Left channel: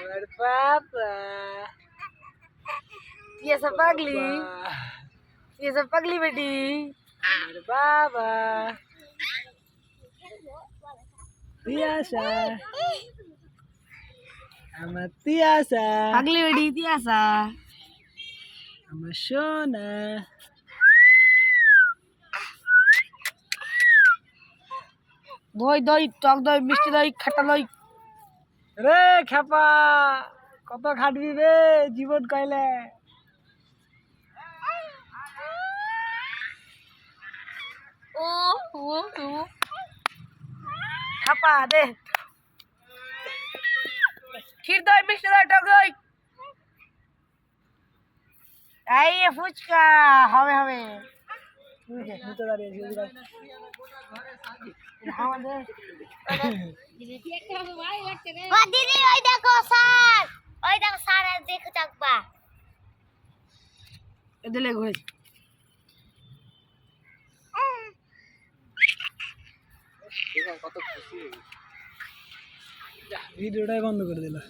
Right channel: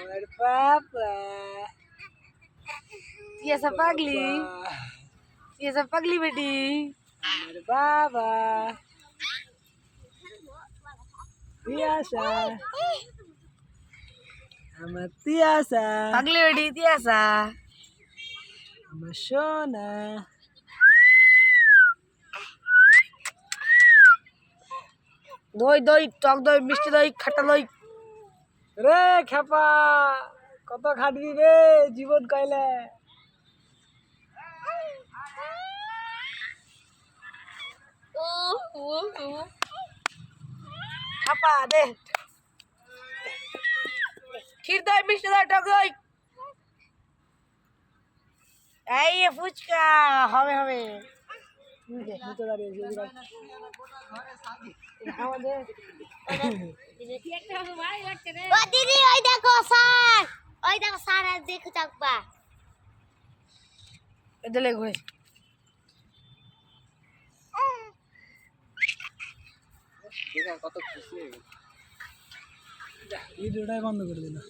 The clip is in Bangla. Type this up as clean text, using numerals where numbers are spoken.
আমার পাপা ये सब पगली बेटी আমার বাবা তিয়াসা আমার তিয়াসা पगली बेटी थी ऐसा আমার সোনা दही दही टक दही मिष्टी दही खट्टा दही রে খেপা কত খাটবি রে জীবন কইলে खापा दे खीर दही मिष्टी दही टक दही এই ফুচকা হবে হবে নিতে দাঁড়িয়েছি আমাদের ও দিদি ওই দেখো স্যার দেখো চাকবা এদিকে ঘুরে ভিডিওটাই বন্ধ করে দিল